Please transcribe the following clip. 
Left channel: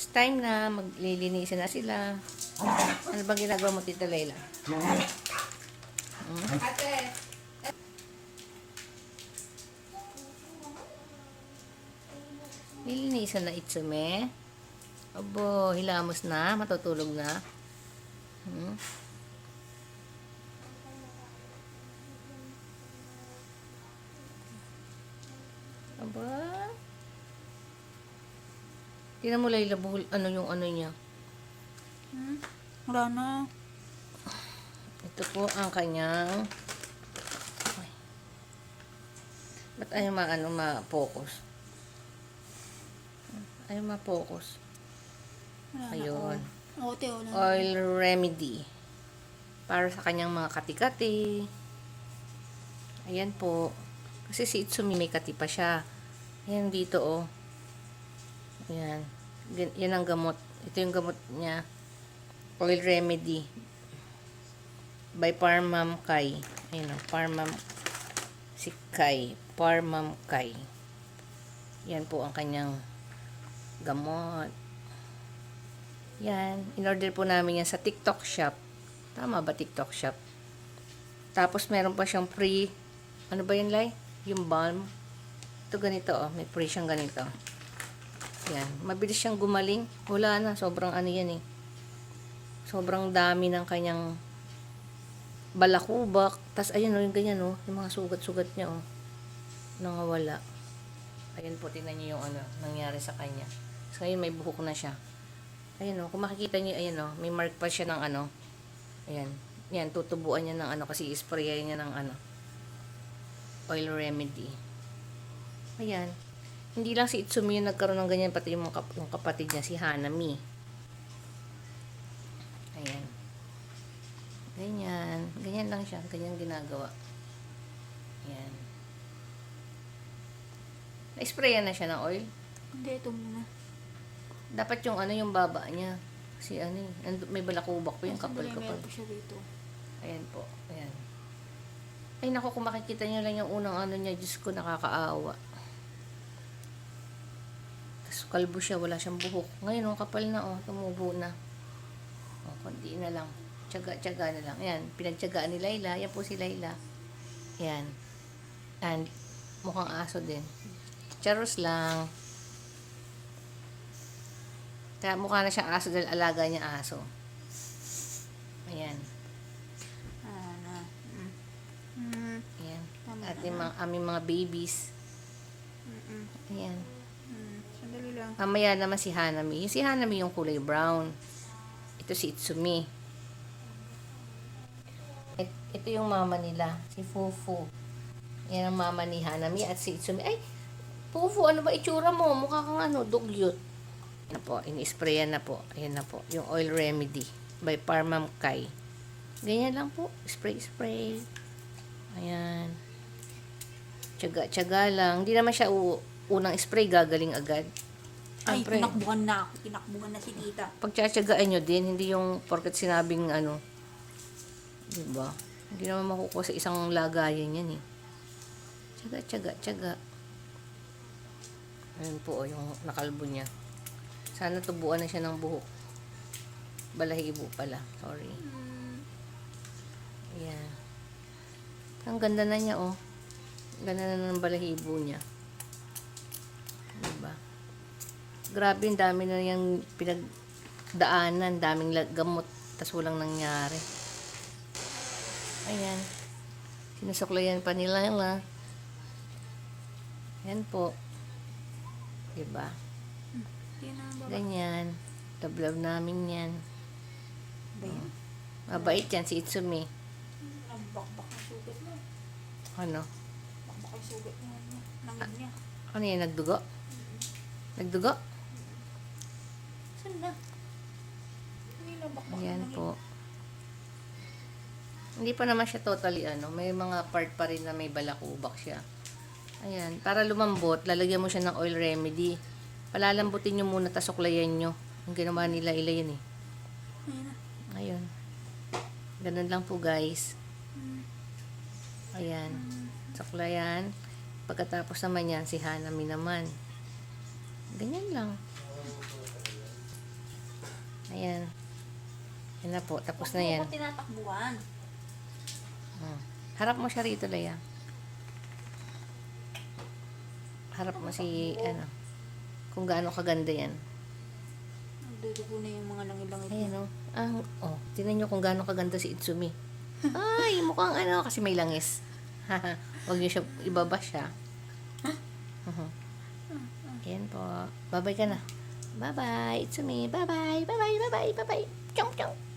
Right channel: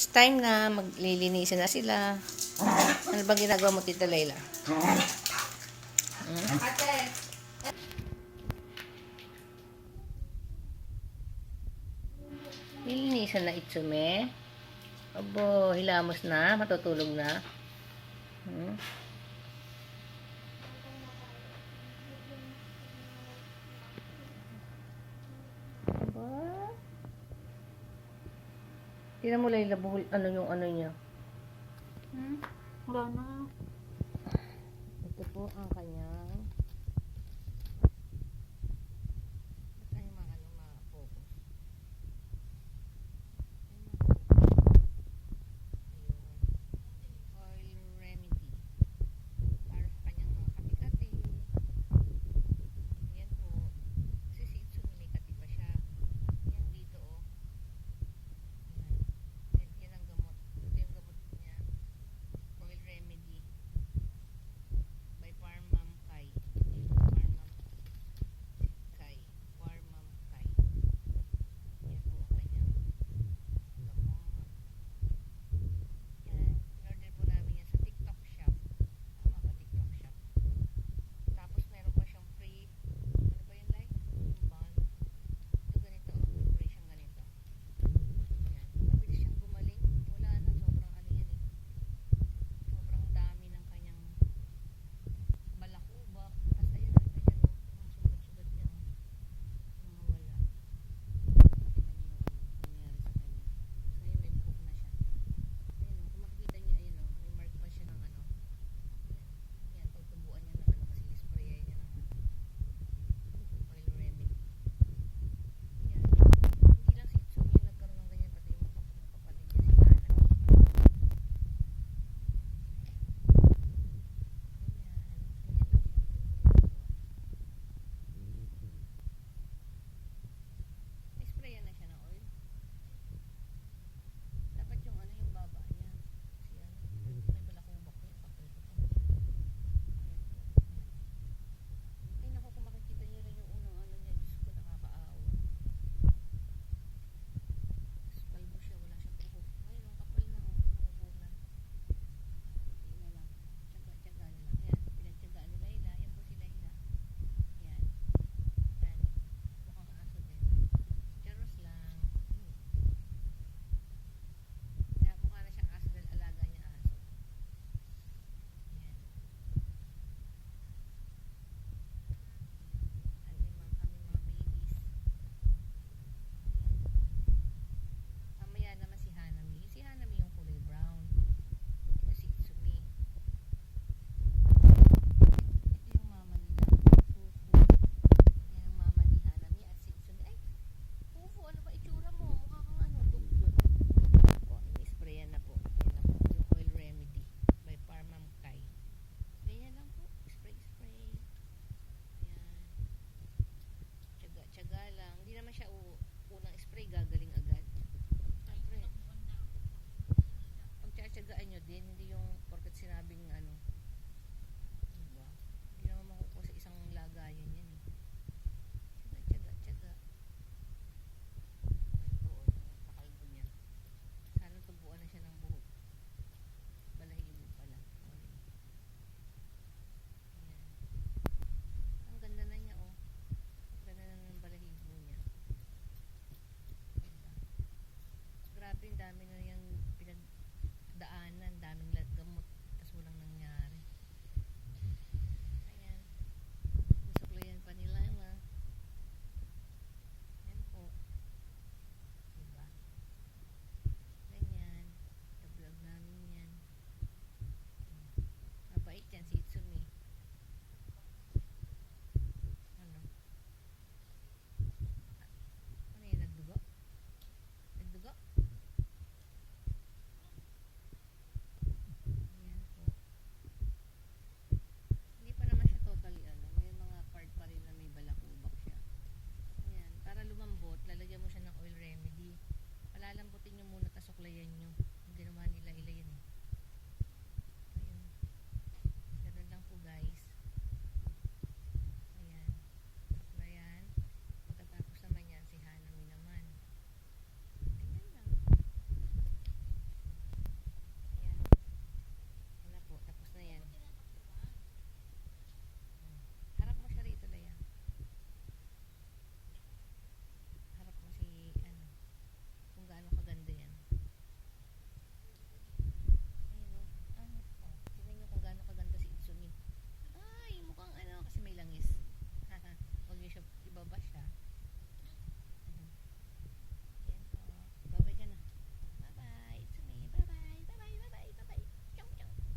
It's time na maglilinisan na sila. Ano bang ginagawa mo, Tita Layla? Nilinisan na Itsume. Abo, hilamos na, matutulog na. Aba. Tingnan mo, Layla, buhol, ano yung ano niya. Wala na. Ito po ang kanyang... Ba't ayaw ma-focus? Ayaw ma-focus. Wala na. Ayun. Ote, wala na. Oil remedy. Para sa kanyang mga kati-kati. Ayan po. Kasi si Itsumi may kati pa siya. Ayan dito oh. Ayan. Yan ang gamot. Ito yung gamot niya. Oil remedy. By Parmam Kai. Ayan o. Parmam si Kai. Parmam Kai. Yan po ang kanyang gamot. Yan. In-order po namin yan sa TikTok shop. Tama ba TikTok shop? Tapos meron pa siyang free. Ano ba yun, Lai? Yung balm. Ito ganito oh. May free siyang ganito. Yan. Mabilis siyang gumaling. Wala na. Sobrang ano yan eh. Sobrang dami ng kanyang balakubak. Tapos ayun oh. Yung ganyan oh. Yung mga sugat-sugat niya oh. Nangawala. Ayun po. Tingnan niyo yung ano. Nangyari sa kanya. So ngayon may buhok na siya. Ayun oh. Kung makikita niyo ayun oh. May mark pa siya ng ano. Ayan. Yan. Tutubuan niya ng ano. Kasi isprayan niya ng ano. Oil remedy. Ayan. Hindi lang si Itsumi yung nagkaroon ng ganyan, pati yung kapatid niya, si Hanami. Ayan. Ganyan. Ganyan lang siya. Ganyan ginagawa. Ayan. Na-sprayan na siya ng oil. Hindi, ito muna. Dapat yung ano, yung baba niya. Kasi ano may balakubak po yung kapal-kapal. Meron pa siya dito. Ayan po. Ayan. Ay naku, kung makikita niyo lang yung unang ano niya, Diyos ko, nakakaawa. Kalbo siya, wala siyang buhok. Ngayon, kapal na, oh, tumubo na. Oh, konti na lang. Tiyaga-tiyaga na lang. Ayan, pinagtiyagaan ni Layla. Yan po si Layla. Ayan. And, mukhang aso din. Charos lang. Kaya mukha na siyang aso dahil alaga niya aso. Ayan. Na. Ayan. At yung aming mga babies. Ayan. Sandali lang. Mamaya naman si Hanami. Yung si Hanami yung kulay brown. Ito si Itsumi. Ito yung mama nila. Si Fufu. Yan ang mama ni Hanami at si Itsumi. Ay! Fufu, ano ba itsura mo? Mukha kang ano, dugyot. Ano po, ini-sprayan na po. Ayan na po. Yung oil remedy. By Parmam Kai. Ganyan lang po. Spray. Ayan. Tiyaga lang. Hindi naman siya unang spray, gagaling agad. Ay, Siyempre, tinakbuhan na ako. Tinakbuhan na si tita. pagtsatsagaan nyo din, hindi yung porket sinabing ano, diba? Hindi naman makukuha sa isang lagayan yan eh. Tiyaga. Ayan po, yung nakalbo niya. Sana tubuan na siya ng buhok. Balahibo pala. Sorry. Ayan. Ang ganda na niya, oh. Ganda na ng balahibo niya. Diba? Grabe, yung dami na yung pinagdaanan. Daming gamot. Tas walang nangyari. Ayan. Sinusuklayan pa nila yun. Ayan po. Diba? Ganyan. Love namin yan. Mabait yan si Itsumi. Ang bakbak na sugat mo. Ano? Bakbak yung sugat niya. Langin niya. Ano yan? Nagdugo? Nagdugo? Saan na? Hindi na bakbak. Ayan po. Hindi pa naman siya totally ano. May mga part pa rin na may balakubak siya. Ayan. Para lumambot, lalagyan mo siya ng oil remedy. Palalambutin nyo muna, tasuklayan nyo. Yung ginawa nila yan eh. Ayun. Ganun lang po guys. Ayan. Suklayan. Pagkatapos naman yan, si Hanami naman. Ganyan lang. na po. Tapos na Huwag mo yan. ko tinatakbuhan. Harap mo siya rito, Leia. Harap mo si, ano, kung gaano kaganda yan. Nagdudugo na yung mga langit-langit. Ayan, oh. Tingnan nyo kung gaano kaganda si Itsumi. Ay, mukhang ano, kasi may langis. Huwag nyo siya, ibaba siya. Ayan po. Bye-bye ka na. Bye-bye, Itsumi. Bye-bye, bye-bye, bye-bye, bye-bye. Chong, chong.